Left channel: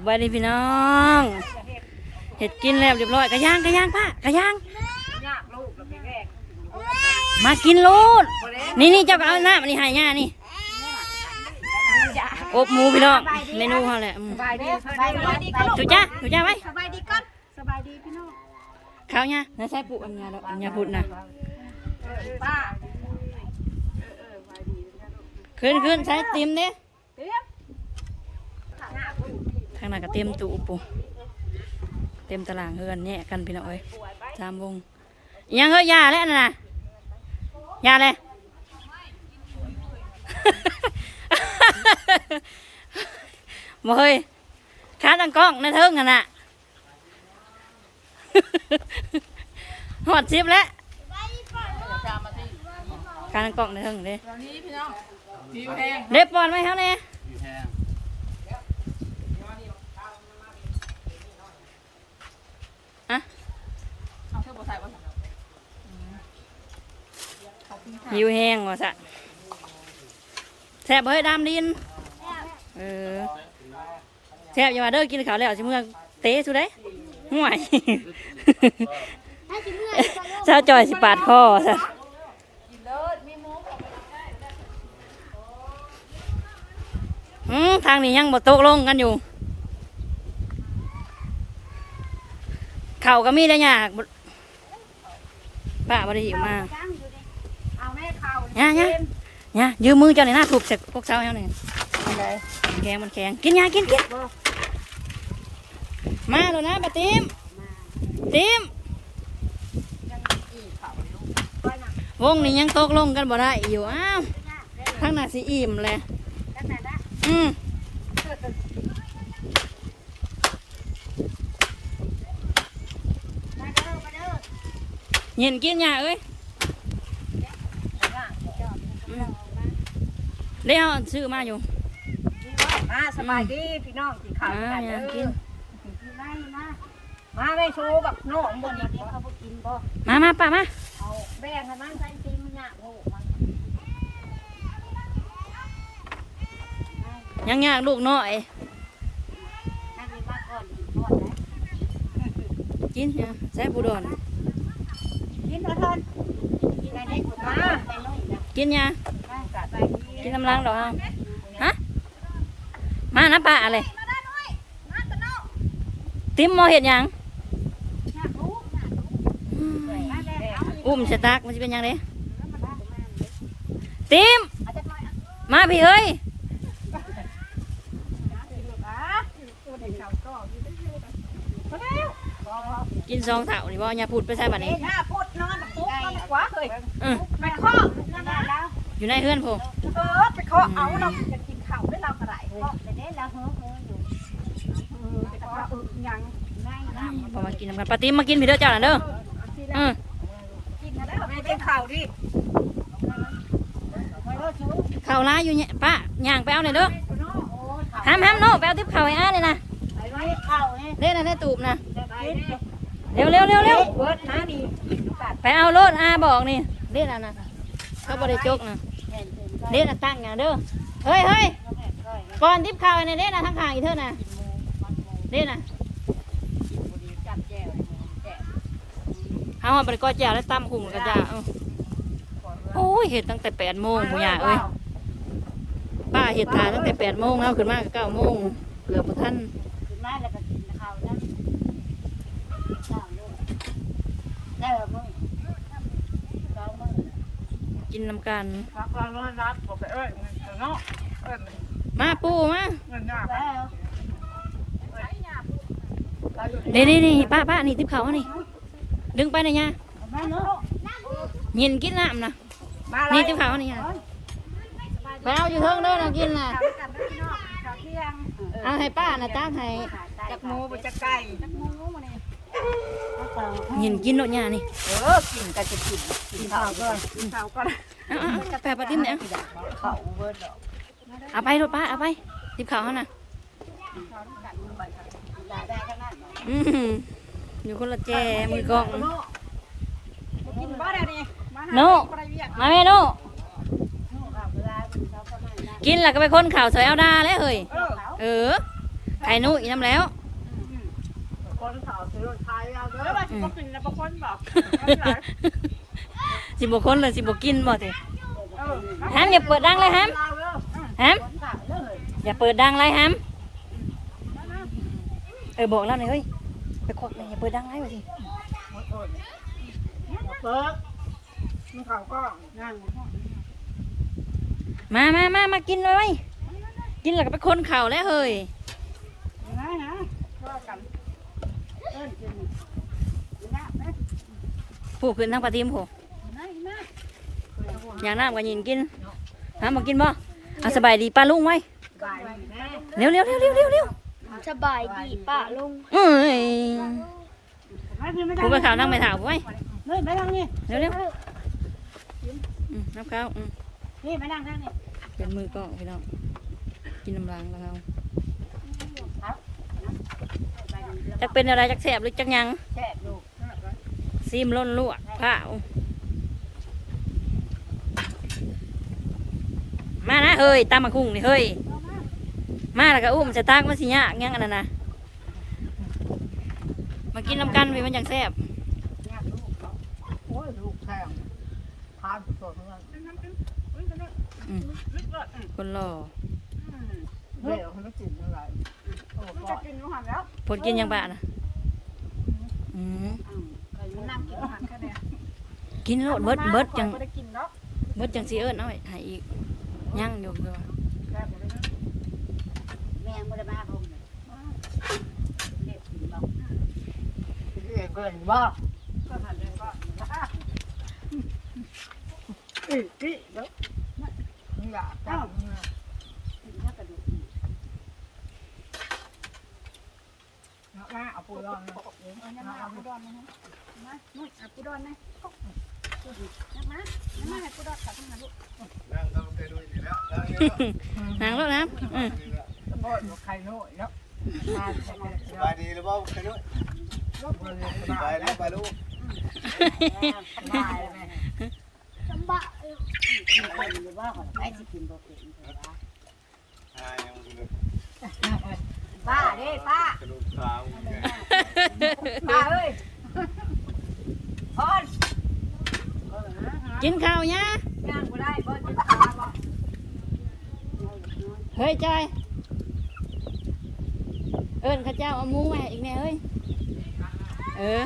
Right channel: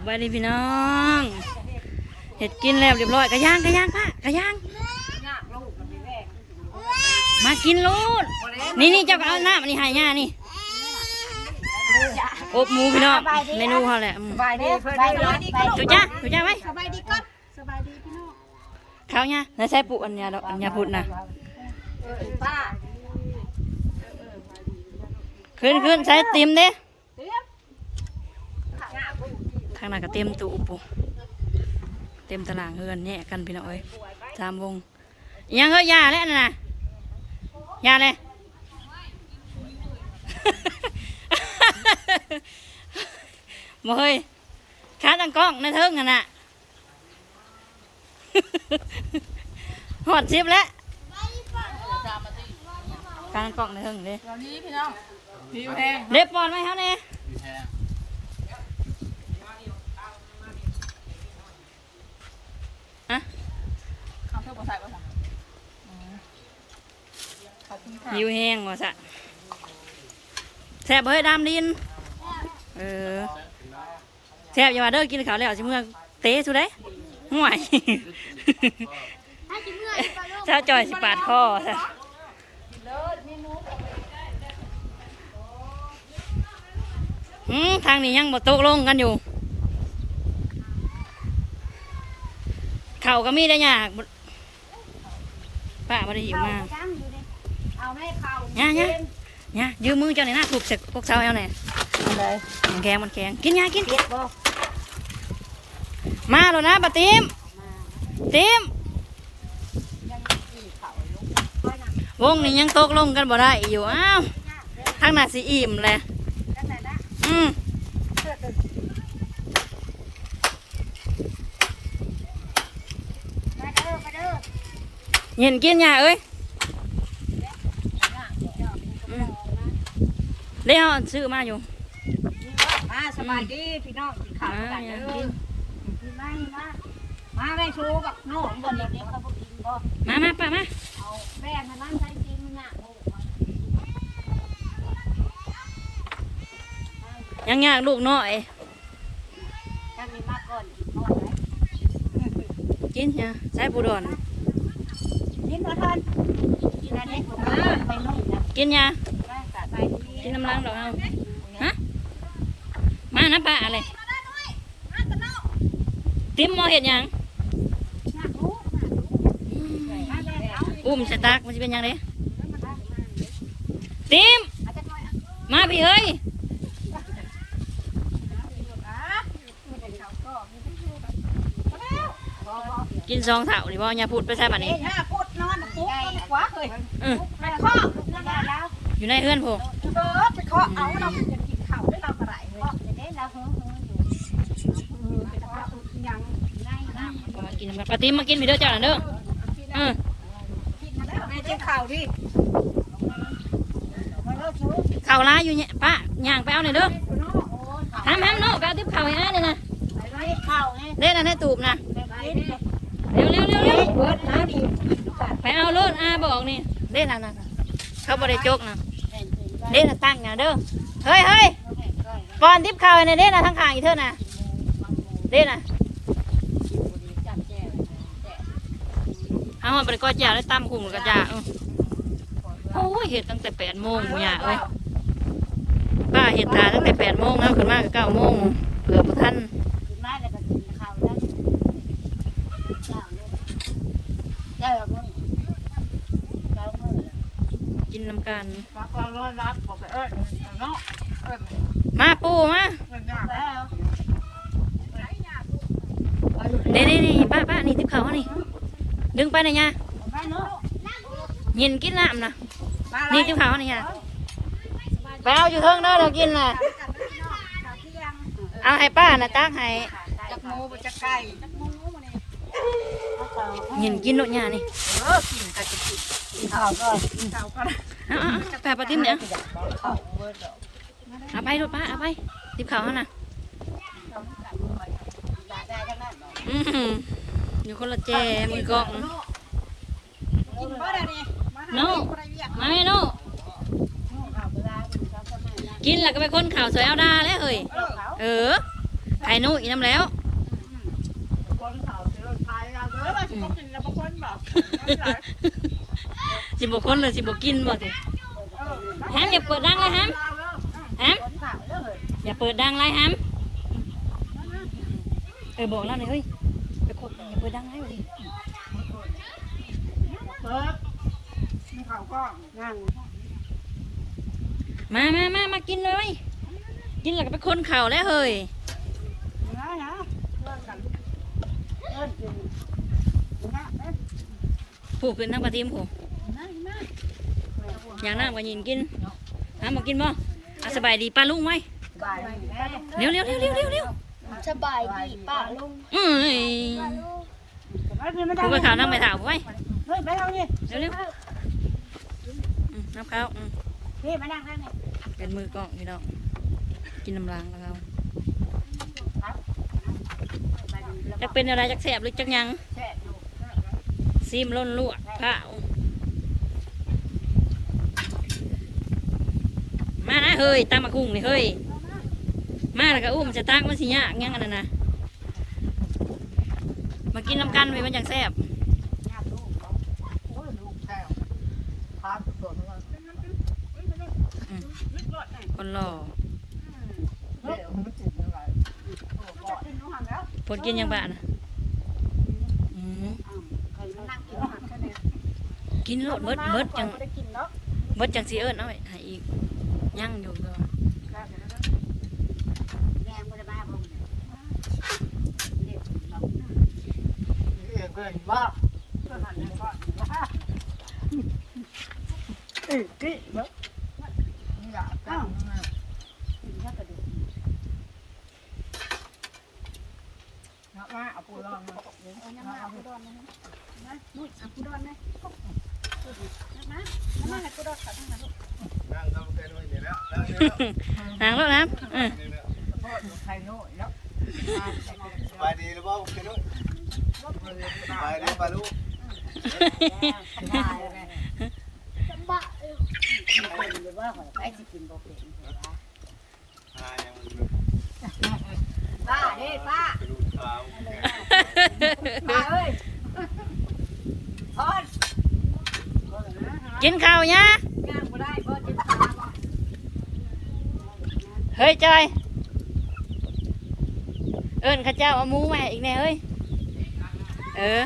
สบายดีพี่น้องเห็ดกินแล้วเรียบร้อยกระย่างกระย่างป้ากระย่างยากลูกเราไปแวกมากินลูดบ่ได้นี่นี่เจ้าก็เอาหน้ามันนี่ใหายง่านี่อบหมูพี่น้องเมนูเขาแหละอืมสบายดีเพิ่นได้ร้อยถูกจ้าถูกจ้าไว้สบายดีก่อนสบายดีพี่น้องข้าวเนี่ยแล้วใช้ปุอันเนี้ยดอกอันเนี้ยพุดนะเออป้าขึ้นขึ้นใช้เต็มเด้เตรียม ทางนั้นก็เต็มตู้ปูเต็มตารางเฮือนเนี่ยกันพี่น้องเอ้ยสามวงอิหยังเฮ้ยยาแล้วน่ะยาเลยบ่เฮ้ยขาตั้งกล้องในเทิงกันน่ะหอดชิปแล้วการตั้งกล้องในเทิงเด้ตอนนี้พี่น้องผิวแห้งเด็บปอนไหมครับเนี่ยอะ เอาเท่าบ่ใส่บ่ใส่ ขอบคุณค่ะยิวแห้งว่ะสะแซ่บเฮ้ยดำดิน เออแซ่บอย่ามาเด้อกินข้าวแล้วสิเมื่อเตะสุดเด้ห่วยเจ้าจอยสิปาดคอซะอืมทางนี้ยังบ่ตกลงกันอยู่ เข่าวก็มีได้ยากบ่ป้าบ่ได้หิวมาก ข้าวเนี่ยเนี่ยเนี่ยยืมมือเจ้าหน่อยนะถูกเสร็จพวกเช้าเอาหน่อยมันแข็งมันแข็งกินยากินกินมาแล้วนะปะติมติมวงนี้ยังตกลงกันบ่ได้อยู่อ้าวทางหน้าสีอิ่มเลยอืมเย็นกินยาเอ้ยอืม เดี๋ยวซื้อมาอยู่ มาสบายดีพี่น้องกินข้าวกันเด้อกินกินมามามาได้ชูบักโน่บ่นี่เดี๋ยวเขาบ่กินบ่มามาป้ามาเอาแบ่งกันนั่นใช้กินมันยากลูกมันยังยากลูกน้อยอันนี้มาก่อนกินก่อนนะกินเนี่ยใส่ปูดอนกินบ่ทันกินอันนี้มาไปลงนะกินยาไปสะใจดี กินน้ำล้างดอกเอาฮะมานะป้าอะไรติมมอเห็ดหยังยากลูกยากลูกอืมมาเลยเอาอุ้มสตักมันจะเป็นหยังไงติมมาพี่เฮ้ยกินซองเถาดิบ่อย่าพูดไปใส่บัดนี้เอ้ยหน้าพุดนอนปุ๊บนอนขวาเคยเออไปข้อนั่นแล้วอยู่ในเฮือนผม เออไปข้อเอาเราจะกินข้าวได้เรากระไรเฮ้ยแต่เด้เราเฮ้อเฮ้ออยู่เออแต่ว่าเออยังง่ายนะพอมากินน้ำกันปาติมมากินพี่เด้อเจ้าน่ะเด้อเออกินมาแล้วไม่ได้ข้าวดิเข้าวร้ายอยู่เนี่ยป้าย่างไปเอาหน่อยเด้อห้ามห้ามโน่ไปเอาทิพข้าวให้อ้าเลยนะไปเลยข้าวเนี่ยเล่นนะในตูบนะเร็วเร็วเร็วเร็วไปเอารถอาบอกนี่เล่นนะนะเขาบริจกนะแผ่นถึงก็ เล่นะตั้งนะเด้อเฮ้ยเฮ้ยก่อนทิพข่าวในเล่นะทั้งขางอีเท่านะเล่นนะจับแก้วแก้วเอาไปก้อยแจ่แล้วตั้มคุ้มกระจาออโอ้ยเห็ดตั้งแต่แปดโมงมูยาเอ้ยป้าเห็ดทาตั้งแต่แปดโมงแล้วขึ้นมากเก้าโมงเกือบทันกินได้แล้วก็กินข้าวได้ได้แล้วมึงได้มึง กินน้ำกัน รับฟังร้อนรับบอกไปเอ้ยเนาะเอ้ยมาปูมามันยากแล้วเด้นี่นี่ป้าป้านี่ทิพข้าวนี่ดึงไปหน่อยยะไม่เนาะเย็นกินน้ำนะมานี่ทิพข้าวนี่ยะไปเอาอยู่เทิงเด้อเรากินน่ะกลับไปเนาะกลับเที่ยงเอาให้ป้านะตั้งให้จักหมูไปจักไก่จักหมูมาเนี่ย เห็นกินโนดหยานี่เออกินก็จะกินกินข้าวก็กินข้าวก็เอาเอาเอาแปะปลาติ้มเนี่ยข้าวเบิดดอกเอาไปรถป้าเอาไปติบเขาเขาน่ะข้าวน้ำกันไปได้ได้ทั้งนั้นอืมอยู่คนละแจมือกล้องกินบ่ได้นี่มาหาโน่คนละเวียกมาแม่โน่ข้าวเวลากินข้าวก็ไม่ได้กินแล้วก็ไปค้นข่าวสวยเอาดาแล้วเฮ้ยเออเออไข่นุ่ยน้ำแล้วคนเขาซื้อ รถไทยเราเด้อว่าสิบกินแล้วบ่คนบ่สิบคนเลยสิบกินบ่สิเออฮัมอย่าเปิดดังเลยฮัมฮัมอย่าเปิดดังเลยฮัมเออบอกแล้วหน่อยเฮ้ยไปควักเลยอย่าเปิดดังเลยสิเปิดมันเขาก็นั่งมามามามากินเลยกินแล้วก็ไปคนเข่าแล้วเฮ้ยนะนะช่วยกัน ผู้ขึ้นทั้งปลาทีมผู้นะนะอย่างน้ำก็ยินกินน้ำมากินบ่เอาสบายดีป้าลุงไว้บายดีแม่เร็วเร็วเร็วเร็วเร็วเร็วสบายดีป้าลุงเอ้ยไม่กินไม่ได้ผู้ไปข่าวนั่งไปถามไว้เฮ้ยไม่เอานี่เร็วเร็วอืมน้ำข้าวอืมนี่มานั่งข้างนี่เป็นมือกล้องพี่น้องกินน้ำล้างแล้วเขา จะเป็นอะไรจักแสบหรือจักหยังแซ่บอยู่ซีมล้นลวกข้าวมานะเฮ้ยตามมาคุ้งนี่เฮ้ย มาแล้วก็อุ้มจะตักมาสิยากยังอันนั้นนะมากินน้ำกันพี่มันจังแซ่บญาติลูกเขาโอ้ยลูกแซ่บทานสดๆเลย คนหล่อ เดี๋ยวมันกินอะไรโอ้ก็กินอาหารแล้วผลกินยังบ้านะอืมมันนั่งกินอาหารแค่นี้กินโลดเบิดเบิดจังได้กินเนาะเบิดจังสีเอิญเอาไว้ให้อีกยังอยู่เด้อแม่ไม่ได้มาผมเด็กกินเนาะเองก็เห็นว่าอาหารเนี่ยก็อือพี่เนาะนี่อยากกันกินข้าวกระดูก มาเอาปูดอนมาเอานี่ยมาเอาปูดอนนะนะนุ่ยเอาปูดอนนะนะมานะมาให้ปูดอนขับทั้งนั้นลูกนั่งเข้าไปด้วยเดี๋ยวแล้วนั่งเดี๋ยแล้วนางแล้วนะเออเดี๋ยวแล้วโอ้ยไข่โน่แล้วสบายดีหรือเปล่าแค่นู้สบายดีป่ะลูกได้เลยสบายหรือว่าขอไปสิกินโบเป็นเถอะหายังเลย ป้าเด้ป้ากระดูกขาวป้าเอ้ยพอนกินข้าวเนี่ยย่างบ่ได้บ่เจ็บขาบ่เฮ้ยจอย เอิญข้าเจ้าเอาหมูมาให้อีกแน่เอ้ย เออ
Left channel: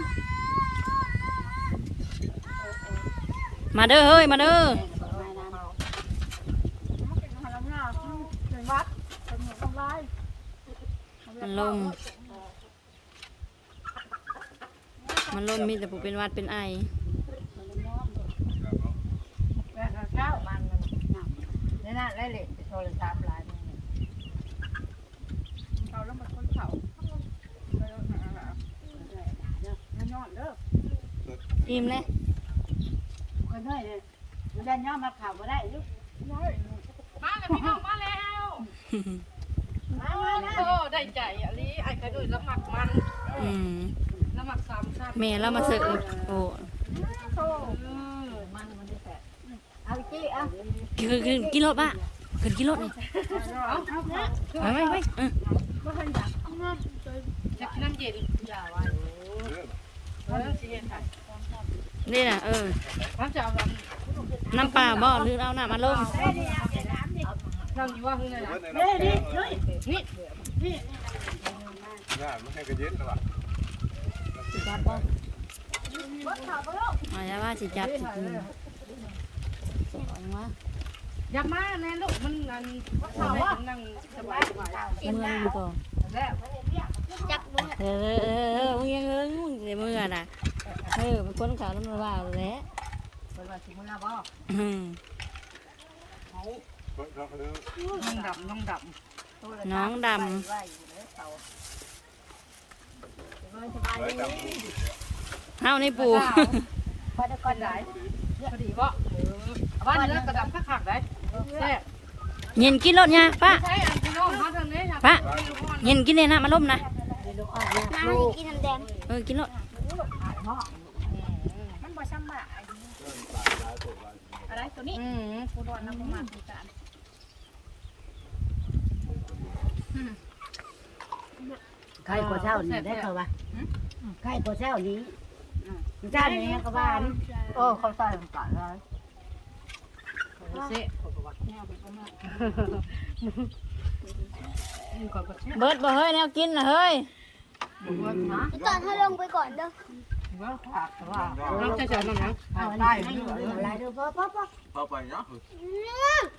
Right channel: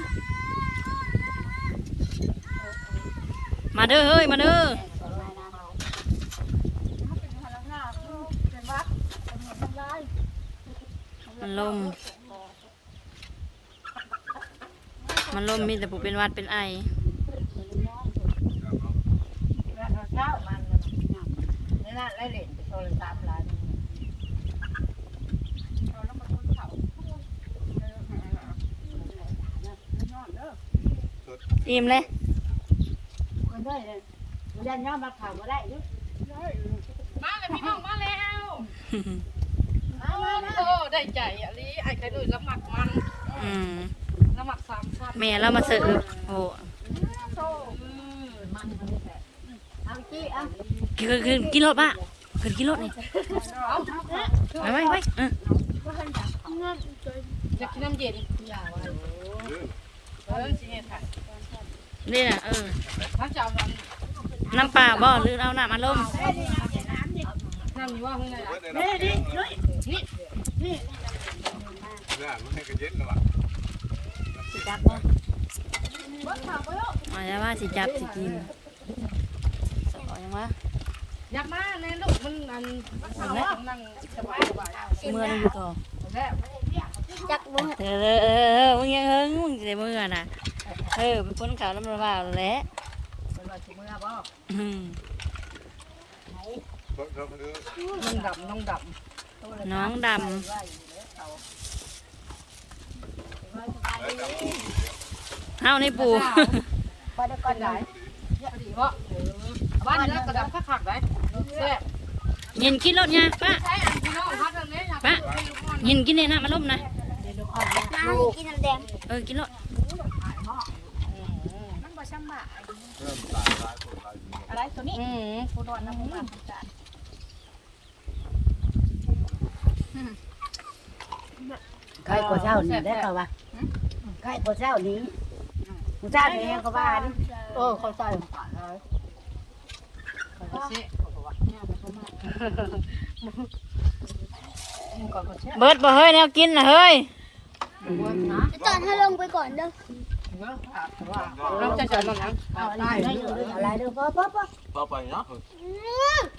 มาเด้อเฮ้ย มาเด้อ เป็นหัวลำหน้าเป็นวัดเป็นหัวทำลาย มันลม มันลมมีแต่ผู้เป็นหวัดเป็นไอแล้วเช้ามันมันนี่น่ะไล่เล่นไปโทรศัพท์หลายเขาแล้วมันคนเขาไม่นอนเด้ออิ่มเลยคนได้เลยมันยันย่อมาข่าวก็ได้ดิน้อยมาแล้วพี่น้องมาแล้ว มามามาได้ใจอะลีไอ้กระดูกละหมัดมันอืมละหมัดสามชั้นแม่เรามาเสิร์ฟโอ้โซ่มันมันไม่แตกเอาจี้เอาคือคือกินรถปะขึ้นกินรถนี่ไปไปไปเอออยากกินน้ำเย็นอย่าไว้เรื่องเออสิเย็นค่ะนี่น่ะเออน้ำจาวันน้ำปลาบ่หรือเอาน้ำมาลม น้ำอยู่ว่าเฮ้ยไงเว้ล่ะยในน้ำแข็งเลยนี่นี่อ่านมาให้กระเย็นแล้วว่ะสิจับบ่มาแล้วว่าสิจับสิกินสอยยังวะอยากมาแน่ลูกมันอันนั่งสบายสบายเมื่อนี่อยู่ต่อแล้วจักมือเออเออเออเออมึงยังเฮิงมึงจะเมื่อน่ะเออเป็นคนขาวน้ำมันว่าแหละเป็นวันที่มือบ่อืมรถรถคือ น้องดำน้องดน้องดไว้แล้วเขาสบายไว้ดีตามผู้อยู่เนี่ยำเฮาในปูไปได้ก่อนไหนำพอดีวะบ้านเนื้อกระดำคักๆได้แซ่บเย็นกินรถเนี่ยป้าใช่อันพี่น้องเขาทางนี้อยากป้าเย็นกินเลยนะมาล้มนะน้ำกินน้ำแดงเออกินรถมันบ่ซ้ำบ่ายเริ่มตายตายปวดตายอะไรตัวนี้อืมปูดอนนะผมมาทำการ ใครก็เช้านี้ได้เปล่าวะใครก็เช้านี้เช้านี้ก็บ้านเออเขาใส่ลงไปเลยเขาก็เสะเขาก็ว่าแม่ไปเขามาเขาก็เสะเบิดบ่เฮ้ยแนวกินน่ะเฮ้ยนะจอนให้ลงไปก่อนเด้อน้ำจะใส่มันนะเอาอะไรได้อยู่เลยอะไรเด้อพ่อพ่อพ่อพอไปเนาะ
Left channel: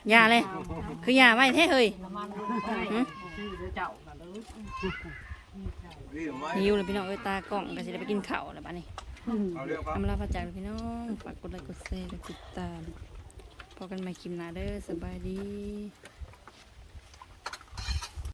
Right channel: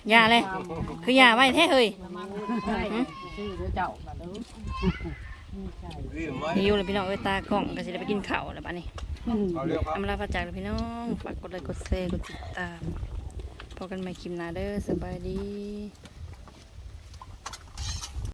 อย่าเลย คืออย่าไว้แท้เฮ้ย ชื่อเจ้าน่ะเด้อรีบไหมหิวเลยพี่น้องเอ้ยตากล่องก็สิได้ไปกินข้าวแล้วบัดนี้เอาเรื่องครับ อำลาพระจากเลยพี่น้องฝากกดไลค์กดแชร์กดติดตามพอกันใหม่คลิปหน้าเด้อสบายดี